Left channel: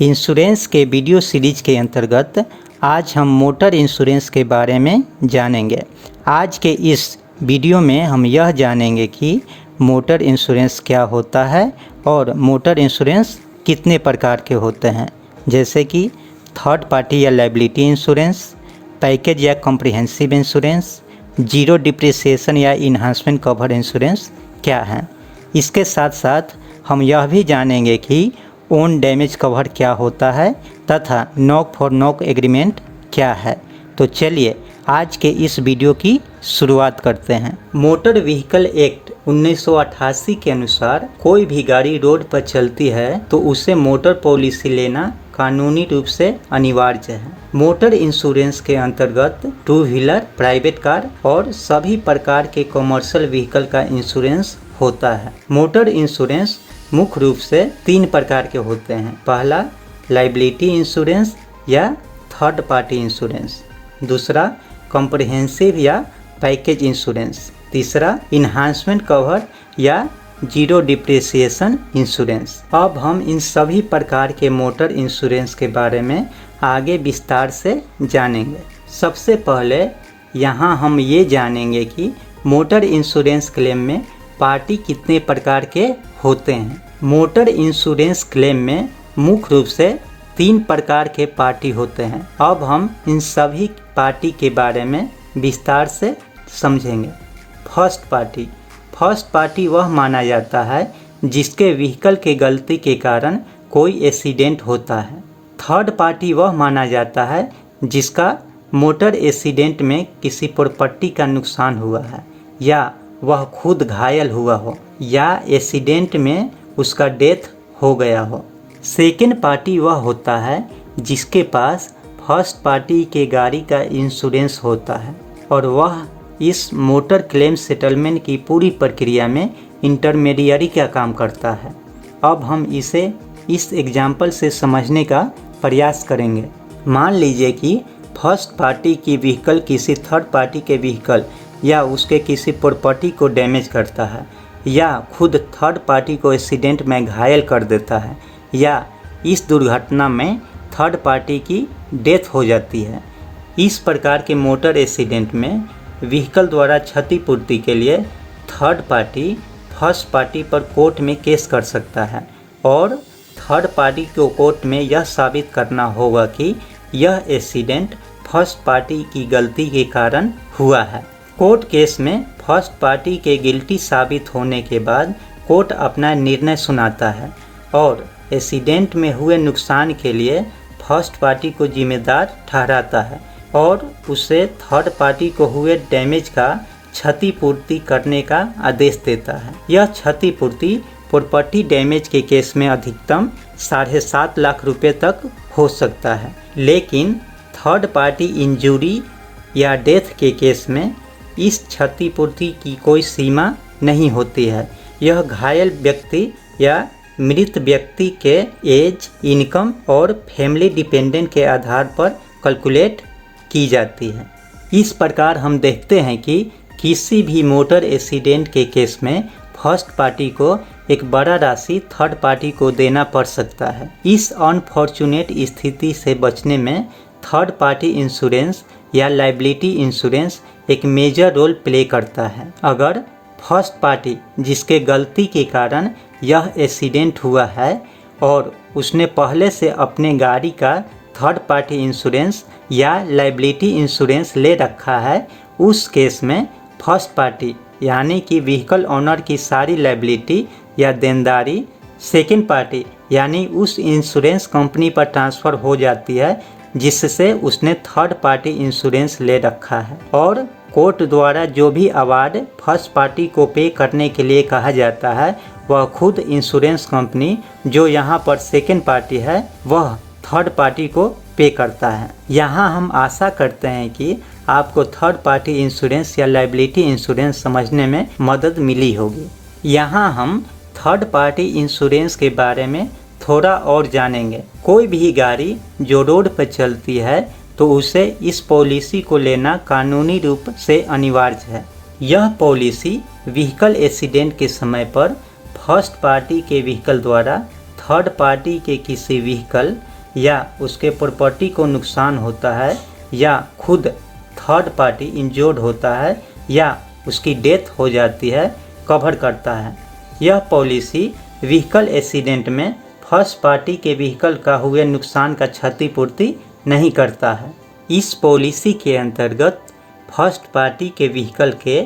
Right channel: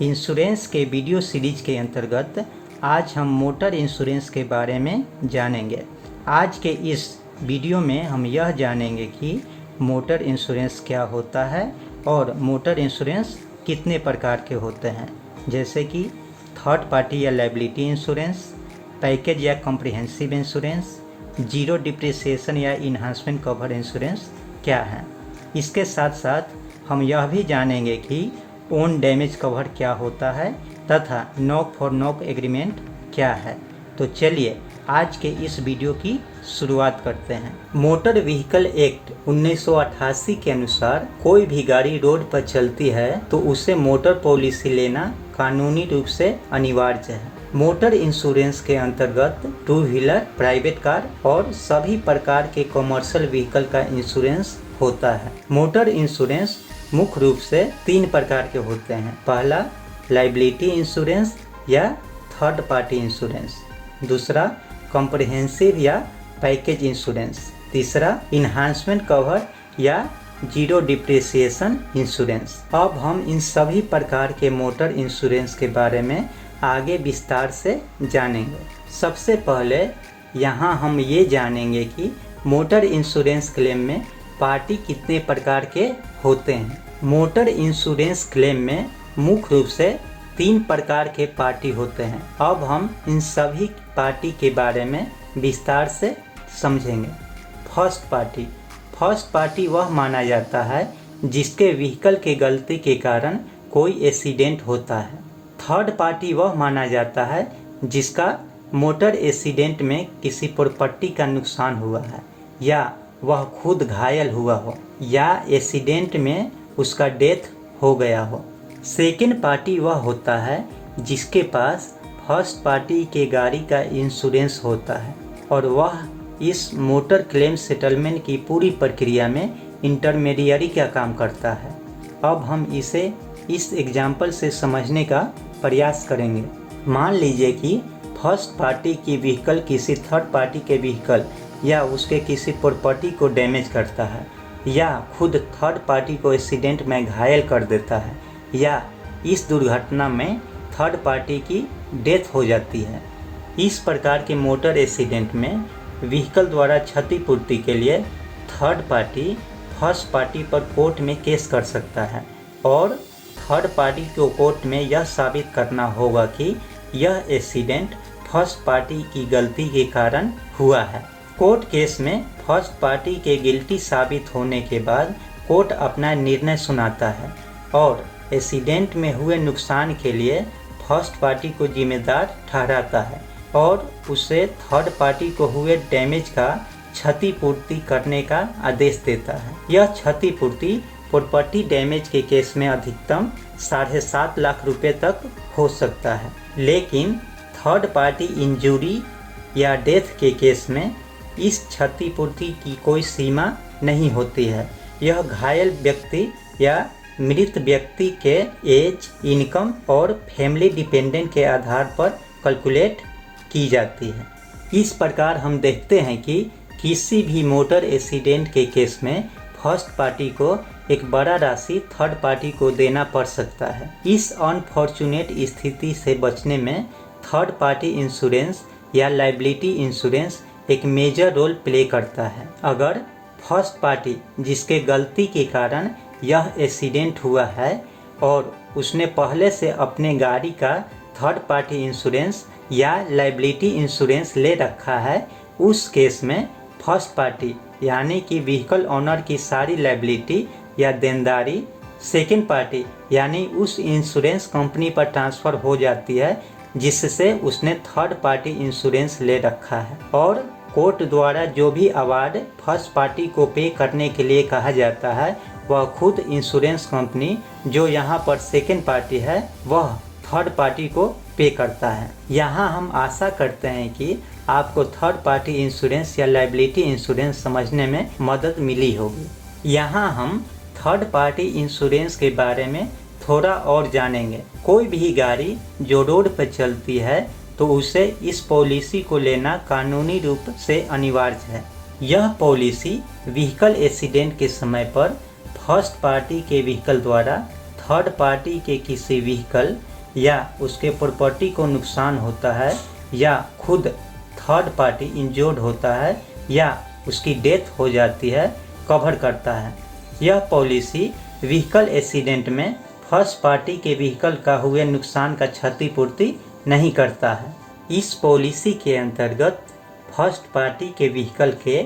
Insurance के video series के अंतर्गत आज हम मोटर इंश्योरेंस के बारे में जानेंगे। आज के इस वीडियो में हम यह जानेंगे कि मोटर इंश्योरेंस क्या होता है और मोटर इंश्योरेंस कितने प्रकार के होते हैं, जैसे कि थर्ड पार्टी या लायबिलिटी इंश्योरेंस, पैकेज या कॉम्प्रिहेंसिव इंश्योरेंस, जीरो डिप्रिसिएशन या इन्हांसमेंट कवर इंश्योरेंस क्या है। इसके साथ साथ हम यह भी जानेंगे कि ओन डैमेज कवर क्या होता है तथा नॉक फॉर नॉक एग्रीमेंट क्या है। तो चलिए आज के इस वीडियो की शुरुआत करते हैं। मोटर व्हीकल एक्ट 1988 के अनुसार कोई भी गाड़ी रोड पर चलती है तो उसे मोटर पॉलिसी लेना कानूनी रूप से अनिवार्य है। मोटर इंश्योरेंस के अंतर्गत टू व्हीलर, प्राइवेट कार और सभी प्रकार के कमर्शियल व्हीकल का इंश्योरेंस होता है। मोटर इंश्योरेंस मुख्य रूप से 3 प्रकार के होते हैं। पहला लायबिलिटी इंश्योरेंस या थर्ड पार्टी इंश्योरेंस, दूसरा कॉम्प्रिहेंसिव या पैकेज इंश्योरेंस, तीसरा इन्हांसमेंट कवर या जीरो डिप्रिसिएशन इंश्योरेंस। अब हम इन सभी प्रकार के मोटर इंश्योरेंस के बारे में आगे विस्तार से जानेंगे। सबसे पहले यहाँ हम ये जानेंगे कि मोटर इंश्योरेंस क्लेम में पार्टी कितने प्रकार के होते हैं। मोटर इंश्योरेंस क्लेम में मुख्य रूप से 3 प्रकार के पार्टी होते हैं। अब हम इन सभी पार्टी के बारे में विस्तार से समझेंगे। फर्स्ट पार्टी वह माना जाता है जिसके व्हीकल के गलती के कारण कोई एक्सीडेंट होता है। थर्ड पार्टी वह माना जाता है जिसका मोटर एक्सीडेंट में किसी प्रॉपर्टी का नुकसान हुआ है या वह खुद घायल हुआ हो या एक्सीडेंट में उसका डेथ हो गया हो। सेकेंड पार्टी वह होता है जिसके पास फर्स्ट पार्टी के गाड़ी का इंश्योरेंस होता है और वह इस मोटर क्लेम सेटलमेंट की पूरी प्रक्रिया में इंटरमीडियरी का काम करता है। अब हम इसे इस एग्जाम्पल से समझने का प्रयास करेंगे। मान लीजिए कि फर्स्ट पार्टी की व्हीकल किसी थर्ड पार्टी के व्हीकल या उसके किसी प्रॉपर्टी को डैमेज करता है या खुद थर्ड पार्टी को एक्सीडेंट में घायल कर देता है या इस दुर्घटना में थर्ड पार्टी की डेथ हो जाती है। इस प्रकार के मोटर एक्सीडेंट में व्हीकल द्वारा क्षतिपूर्ति के लिए थर्ड पार्टी फर्स्ट पार्टी पर कोर्ट में केस कर सकता है और थर्ड पार्टी को कोर्ट में यह साबित करना होगा कि यह एक्सीडेंट फर्स्ट पार्टी की गलती के कारण हुआ है। कोर्ट केस में फर्स्ट पार्टी के गिल्टी साबित होने के बाद कोर्ट अपना निर्णय सुनाता है और एक्सीडेंट में हुए नुकसान के लिए फर्स्ट पार्टी को जिम्मेदार ठहराता है और उसे थर्ड पार्टी को हुए डैमेज का क्षतिपूर्ति करने का आदेश देता है। यह क्षतिपूर्ति प्रॉपर्टी डैमेज के केस में अधिकतम 7.5 लाख रुपए तक हो सकता है, लेकिन थर्ड पार्टी इंजरी या डेथ के केस में इस क्षतिपूर्ति की कोई सीमा नहीं होती है। यह घायल व्यक्ति या मृत व्यक्ति के एज, इनकम और फैमिली डिपेंडेंट के आधार पर कैलकुलेट की जाती है। इस प्रकार हम देखते हैं कि किसी भी मोटर एक्सीडेंट के केस में फर्स्ट पार्टी को एक बड़ा राशि थर्ड पार्टी को देना पड़ सकता है। इस अनफॉर्चुनेट स्थिति से बचने में थर्ड पार्टी इंश्योरेंस या लायबिलिटी इंश्योरेंस एक मेजर रोल प्ले करता है। अगर फर्स्ट पार्टी जिसके गलती के कारण यह एक्सीडेंट हुआ है और उसने पहले से अपने गाड़ी का थर्ड पार्टी इंश्योरेंस या लायबिलिटी इंश्योरेंस ले रखा है, उस केस में फर्स्ट पार्टी यानी कि व्हीकल ओनर की सारी लायबिलिटी या देनदारी सेकेंड पार्टी यानी उस इंश्योरेंस कंपनी पर ट्रांसफ़र हो जाती है जिससे उसने थर्ड पार्टी इंश्योरेंस ले रखा है और कोर्ट द्वारा जो भी अवार्ड फर्स्ट पार्टी को पे करने के लिए कहा जाता है वह खुद इंश्योरेंस कंपनी जो यहाँ पर सेकेंड पार्टी है वह थर्ड पार्टी को पे करता है। यहाँ हम आशा करते हैं कि आपको थर्ड पार्टी इंश्योरेंस या लायबिलिटी इंश्योरेंस समझने में मदद मिली होगी। यहाँ हम थर्ड पार्टी इंश्योरेंस के बारे में थोड़ा और जानेंगे। कोई भी गाड़ी जो रोड पर चलती है तो उसे इस पॉलिसी को लेना कानूनी रूप से अनिवार्य है। यह पॉलिसी व्हीकल एक्सीडेंट के समय पर फर्स्ट पार्टी के व्हीकल द्वारा थर्ड पार्टी के किसी व्हीकल या उसके प्रॉपर्टी को नुकसान होता है या खुद थर्ड पार्टी इंजर्ड होता है या उसकी डेथ हो जाती है, कवर करता है। यह पॉलिसी व्हीकल एक्सीडेंट में फर्स्ट पार्टी के व्हीकल का हुए नुकसान का क्षतिपूर्ति नहीं करता है। इस पॉलिसी के अंतर्गत फर्स्ट पार्टी के व्हीकल के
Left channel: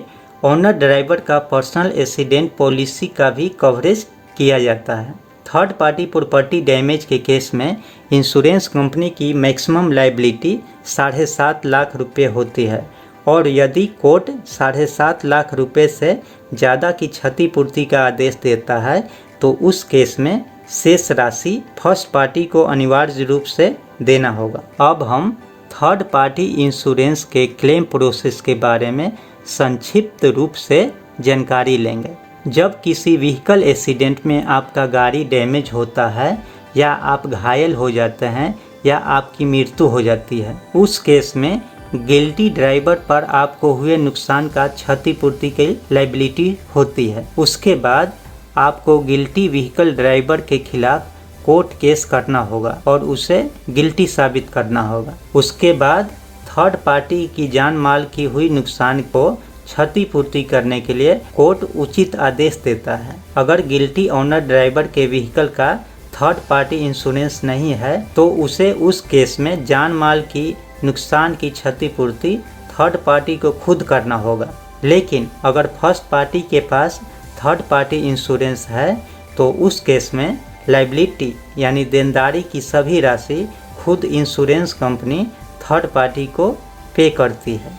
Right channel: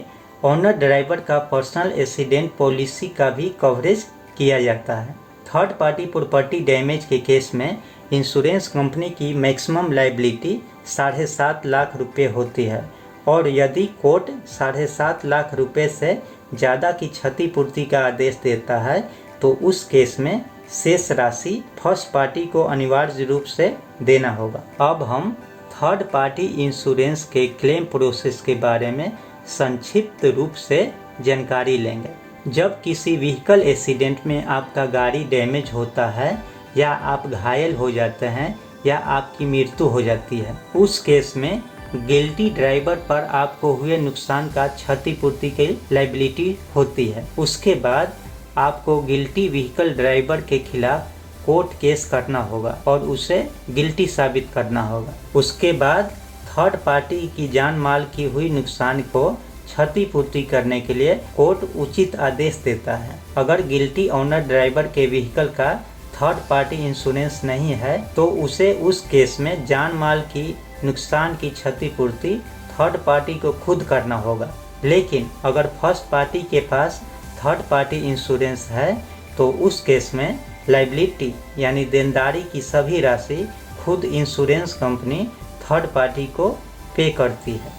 ओनर ड्राइवर का पर्सनल एक्सीडेंट पॉलिसी का भी कवरेज किया जाता है। थर्ड पार्टी प्रॉपर्टी डैमेज के केस में इंश्योरेंस कंपनी की मैक्सिमम लायबिलिटी 7.5 लाख रुपए होती है और यदि कोर्ट 7.5 लाख रुपए से ज़्यादा की क्षतिपूर्ति का आदेश देता है तो उस केस में शेष राशि फर्स्ट पार्टी को अनिवार्य रूप से देना होगा। अब हम थर्ड पार्टी इंश्योरेंस के क्लेम प्रोसेस के बारे में संक्षिप्त रूप से जानकारी लेंगे। जब किसी व्हीकल एक्सीडेंट में आपका गाड़ी डैमेज होता है या आप घायल हो जाते हैं या आपकी मृत्यु हो जाती है, उस केस में गिल्टी ड्राइवर पर आपको हुए नुकसान का क्षतिपूर्ति की लायबिलिटी होती है। उसके बाद आपको गिल्टी व्हीकल ड्राइवर के खिलाफ कोर्ट केस करना होगा और उसे गिल्टी साबित करना होगा। उसके बाद थर्ड पार्टी की जान माल की हुई नुकसान को क्षतिपूर्ति करने के लिए कोर्ट उचित आदेश देता है। अगर गिल्टी ओनर ड्राइवर के व्हीकल का थर्ड पार्टी इंश्योरेंस नहीं है तो उसे उस केस में जान माल की नुकसान की क्षतिपूर्ति थर्ड पार्टी को खुद करना होगा। लेकिन अगर फर्स्ट पार्टी के पास थर्ड पार्टी इंश्योरेंस है तो उस केस में लायबिलिटी यानी देनदारी की सभी राशि खुद इंश्योरेंस कंपनी थर्ड पार्टी को पे करती है।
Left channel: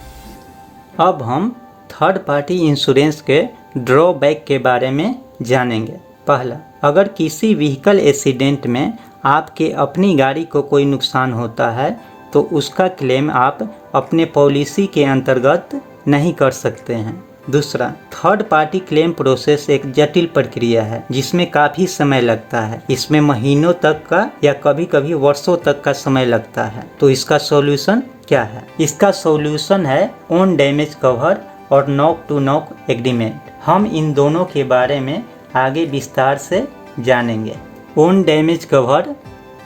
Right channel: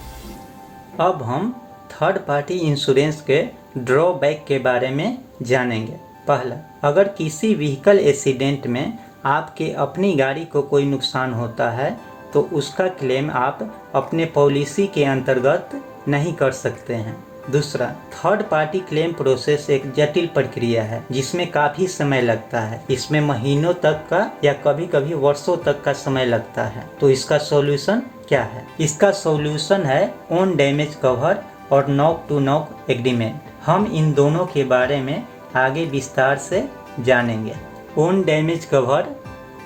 अब हम थर्ड पार्टी इंश्योरेंस के ड्रॉबैक के बारे में जानेंगे। पहला, अगर किसी व्हीकल एक्सीडेंट में आपके अपनी गाड़ी को कोई नुकसान होता है तो उसका क्लेम आप अपने पॉलिसी के अंतर्गत नहीं कर सकते हैं। दूसरा, थर्ड पार्टी क्लेम प्रोसेस एक जटिल प्रक्रिया है जिसमें काफ़ी समय लगता है। इसमें महीनों तक का या कभी कभी वर्षों तक का समय लगता है। तो इसका सॉल्यूशन क्या है? इसका सॉल्यूशन है ओन डैमेज कवर और नॉक टू नॉक एग्रीमेंट। हम इन दोनों के बारे में आगे विस्तार से जानेंगे। ओन डैमेज कवर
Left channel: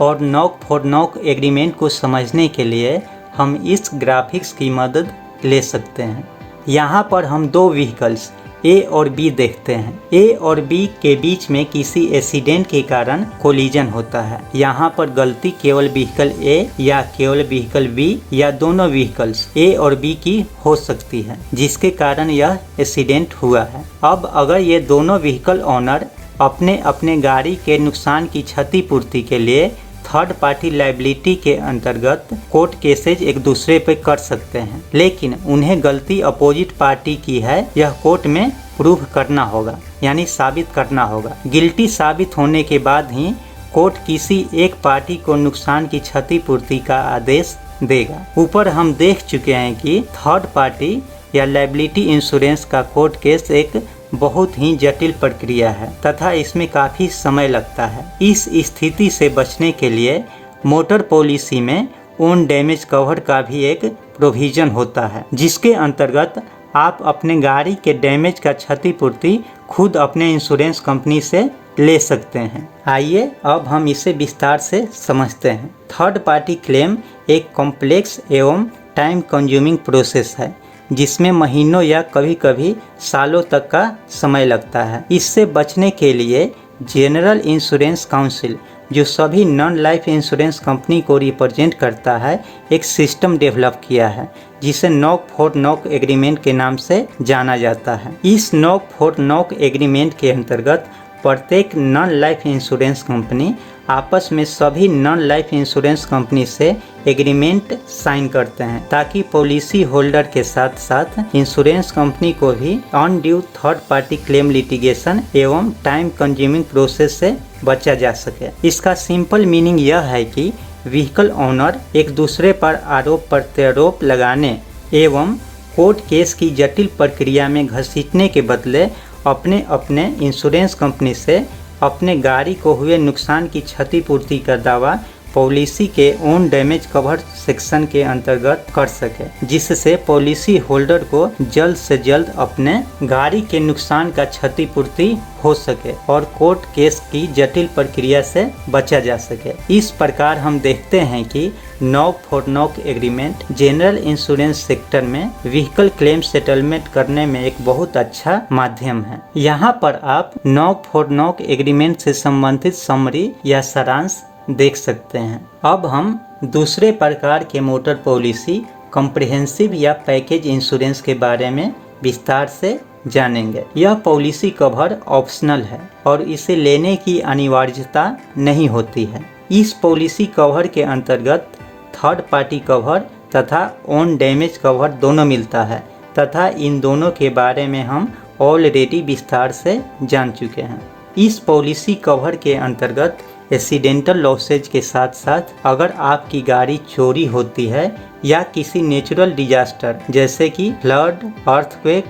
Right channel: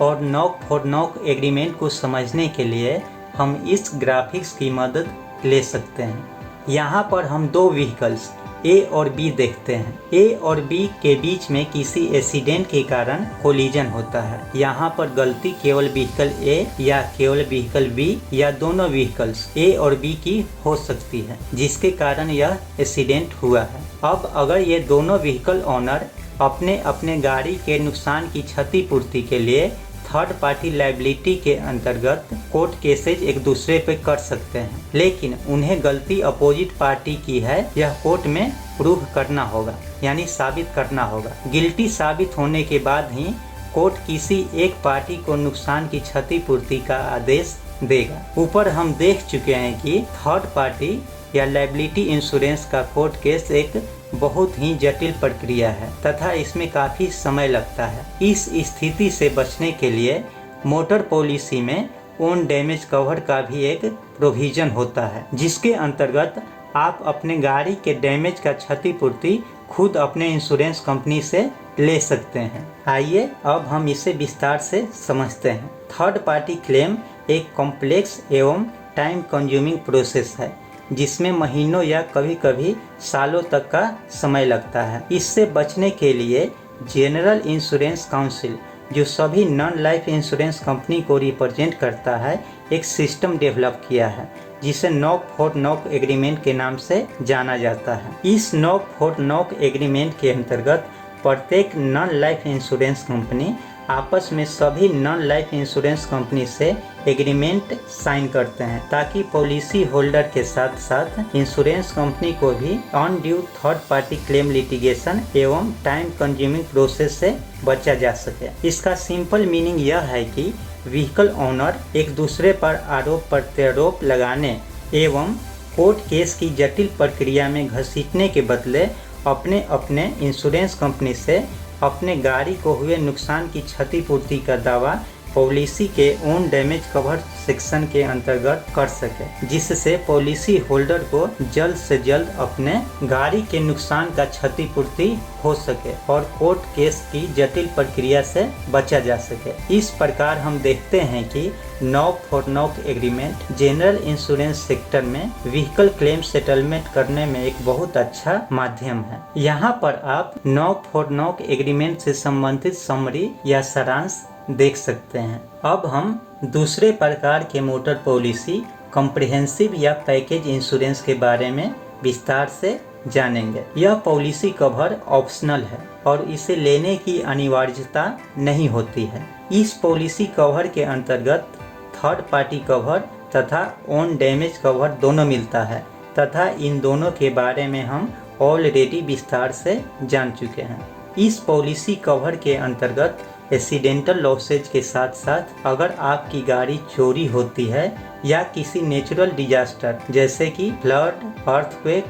और नॉक फॉर नॉक एग्रीमेंट को समझने के लिए हम इस ग्राफिक्स की मदद ले सकते हैं। यहाँ पर हम दो व्हीकल्स ए और बी देखते हैं। ए और बी के बीच में किसी एक्सीडेंट के कारण कोलिजन होता है। यहाँ पर गलती केवल व्हीकल ए या केवल व्हीकल बी या दोनों व्हीकल्स ए और बी की हो सकती है जिसके कारण यह एक्सीडेंट हुआ है। अब अगर ये दोनों व्हीकल ओनर अपने अपने गाड़ी के नुकसान की क्षतिपूर्ति के लिए थर्ड पार्टी लायबिलिटी के अंतर्गत कोर्ट केसेज एक दूसरे पे कर सकते हैं, लेकिन उन्हें गलती अपोजिट पार्टी की है यह कोर्ट में प्रूव करना होगा यानी साबित करना होगा। गिल्टी साबित होने के बाद ही कोर्ट किसी एक पार्टी को नुकसान की क्षतिपूर्ति का आदेश देगा। ऊपर हम देख चुके हैं कि थर्ड पार्टी या लायबिलिटी इंश्योरेंस का कोर्ट केस एक बहुत ही जटिल प्रक्रिया है तथा इसमें काफ़ी समय लगता है। इस स्थिति से बचने के लिए मोटर पॉलिसी में ओन डैमेज कवर का भी एक प्रोविजन होता है जिसके अंतर्गत आप अपने गाड़ी के डैमेज का क्षतिपूर्ति खुद अपने इंश्योरेंस कंपनी से ले सकते हैं। आइए अब हम इसे विस्तार से समझते हैं। थर्ड पार्टी क्लेम एक कॉम्प्लेक्स एवं टाइम कंज्यूमिंग प्रोसेस है जिसमें महीनों या कभी कभी सालों तक का समय लगता है। इससे बचने के लिए जनरल इंश्योरेंस काउंसिल जो सभी नॉन लाइफ इंश्योरेंस कंपनी को रिप्रेजेंट करता है एक सिस्टम डेवलप किया है जिसे नॉक फॉर नॉक एग्रीमेंट के नाम से जाना जाता है। इस नॉक फॉर नॉक एग्रीमेंट के अंतर्गत प्रत्येक नॉन लाइफ इंश्योरेंस कंपनी आपस में सभी नॉन लाइफ इंश्योरेंस कंपनी से एग्रीमेंट साइन करते हैं ताकि पॉलिसी होल्डर के साथ साथ इंश्योरेंस कंपनी को भी undue third party claim litigation एवं टाइम कंज्यूमिंग प्रोसेस से बचा जा सके। इसका सिंपल मीनिंग यह है कि व्हीकल ओनर एक दूसरे पर आरोप प्रत्यारोप लगाने एवं कोर्ट केस की जटिल प्रक्रिया में घसीटने के बदले अपने अपने इंश्योरेंस कंपनी से अपने गाड़ी को हुए नुकसान की क्षतिपूर्ति का दावा पॉलिसी के ओन डैमेज कवर सेक्शन के अंतर्गत कर सके, जिससे पॉलिसी होल्डर को जल्द से जल्द अपने गाड़ी के नुकसान का क्षतिपूर्ति हो सके और कोर्ट केस की जटिल प्रक्रिया से बचा जा सके। इस प्रकार हम देखते हैं कि knock for knock agreement general insurance sector में व्हीकल क्लेम सेटलमेंट करने में एक बहुत अच्छा माध्यम है। यहाँ पर आप नॉक फॉर नॉक एग्रीमेंट से संबंधित समरी या सारांश देख सकते हैं। अब हम दूसरे प्रकार के मोटर पॉलिसी कॉम्प्रिहेंसिव या पैकेज इंश्योरेंस के बारे में विस्तार से जानेंगे। यह पॉलिसी कवर ऑप्शनल है और इसे लेने की अनिवार्यता नहीं होती है। इस पॉलिसी कवर के अंतर्गत थर्ड पार्टी कवर तथा ओन डैमेज कवर दोनों मिलता है तथा इन दोनों के बारे में हम ऑलरेडी विस्तार से जान चुके हैं। इस पॉलिसी कवर के अंतर्गत एक्सीडेंटल लॉसेज के साथ साथ अगर आपकी गाड़ी चोरी होती है या किसी नेचुरल डिजास्टर जैसे कि फ्लड, अर्थक्वेक,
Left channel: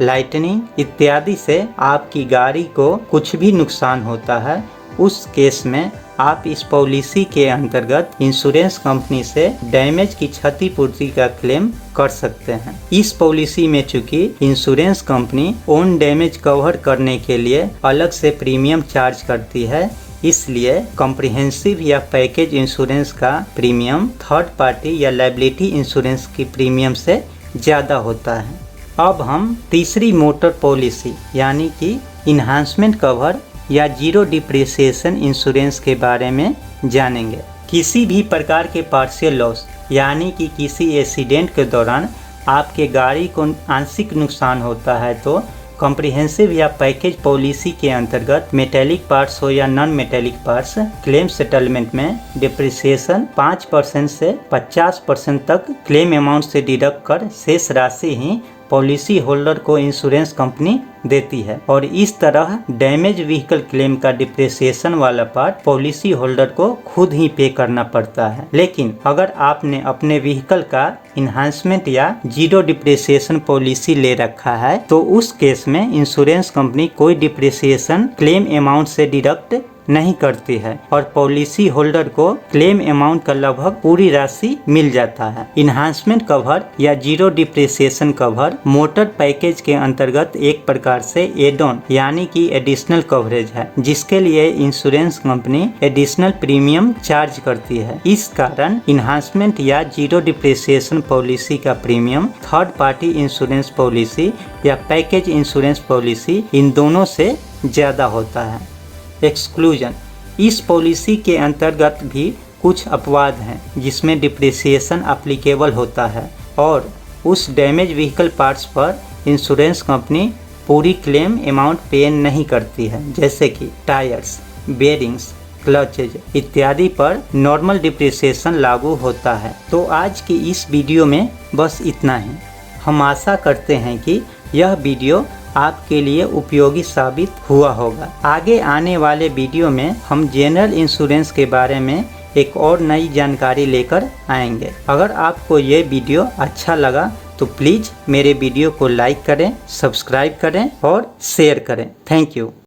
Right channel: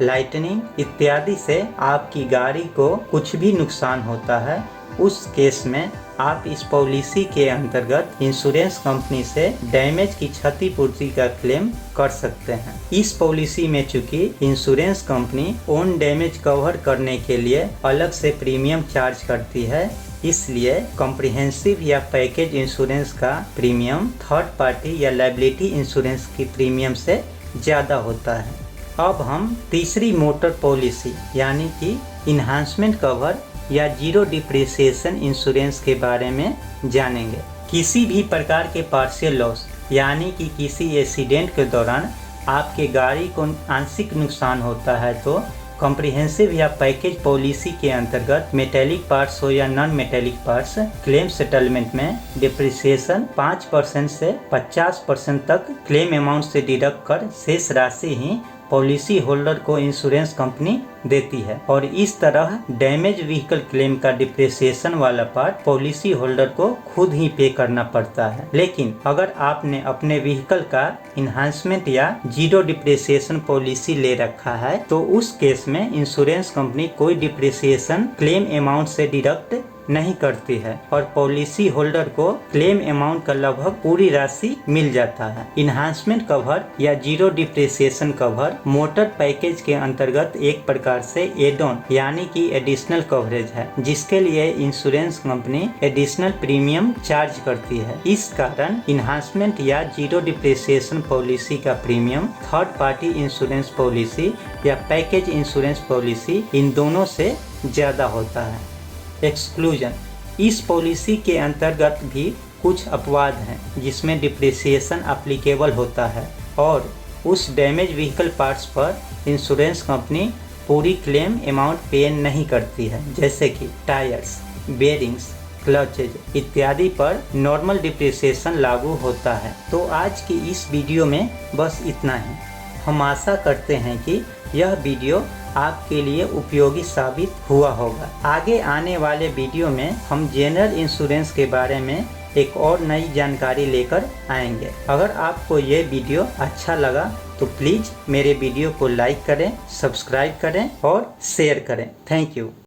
लाइटनिंग इत्यादि से आपकी गाड़ी को कुछ भी नुकसान होता है, उस केस में आप इस पॉलिसी के अंतर्गत इंश्योरेंस कंपनी से डैमेज की क्षतिपूर्ति का क्लेम कर सकते हैं। इस पॉलिसी में चूंकि insurance company own damage cover करने के लिए अलग से प्रीमियम चार्ज करती है, इसलिए कॉम्प्रिहेंसिव या पैकेज इंश्योरेंस का प्रीमियम थर्ड पार्टी या लायबिलिटी इंश्योरेंस की प्रीमियम से ज़्यादा होता है। अब हम तीसरी मोटर पॉलिसी यानी कि इन्हांसमेंट कवर या जीरो डिप्रिसिएशन इंश्योरेंस के बारे में जानेंगे। किसी भी प्रकार के पार्शियल लॉस यानी कि किसी एक्सीडेंट के दौरान आपके गाड़ी को आंशिक नुकसान होता है तो कॉम्प्रिहेंसिव या पैकेज पॉलिसी के अंतर्गत मेटेलिक पार्ट्स हो या non metallic parts claim settlement में डिप्रिसिएशन 5% से 50% तक क्लेम अमाउंट से डिडक्ट कर शेष राशि ही पॉलिसी होल्डर को इंश्योरेंस कंपनी देती है और इस तरह डैमेज व्हीकल क्लेम का डिप्रिसिएशन वाला पार्ट पॉलिसी होल्डर को खुद ही पे करना पड़ता है। लेकिन अगर आपने अपने व्हीकल का इन्हांसमेंट या जीरो डिप्रिसिएशन पॉलिसी ले रखा है तो उस केस में इंश्योरेंस कंपनी कोई डिप्रिसिएशन क्लेम अमाउंट से डिडक्ट नहीं करती है और पॉलिसी होल्डर को क्लेम अमाउंट का लगभग पूरी राशि मिल जाता है। इन्हांसमेंट कवर या zero depreciation cover motor package के अंतर्गत एक प्रकार से एड ऑन यानी कि एडिशनल कवरेज है, जिसके लिए insurance company additional premium charge करती है। इस कारण इन्हांसमेंट या जीरो डिप्रिसिएशन पॉलिसी का premium third party insurance policy या पैकेज इंश्योरेंस पॉलिसी इन दोनों से ज्यादा होता है। एक्सक्लूजन, इस पॉलिसी के अंतर्गत भी कुछ अपवाद हैं जिसमें डिप्रिसिएशन एप्लीकेबल होता है और उस डैमेज व्हीकल पार्ट्स पर इंश्योरेंस कंपनी पूरी क्लेम अमाउंट पे नहीं करती है, जैसे कि टायर्स, बेरिंग्स, क्लचेज इत्यादि पर नॉर्मल डिप्रिसिएशन लागू होता है। तो आज की इस वीडियो में बस इतना ही। हम आशा करते हैं कि यह वीडियो आपके लिए उपयोगी साबित हुआ होगा। आगे आने वाले वीडियो में हम जनरल इंश्योरेंस के बारे में एक और नई जानकारी लेकर आएंगे। अगर आपको ये वीडियो अच्छा लगा तो प्लीज़ मेरे वीडियो को लाइक करें, सब्सक्राइब करें और शेयर करें। Thank you.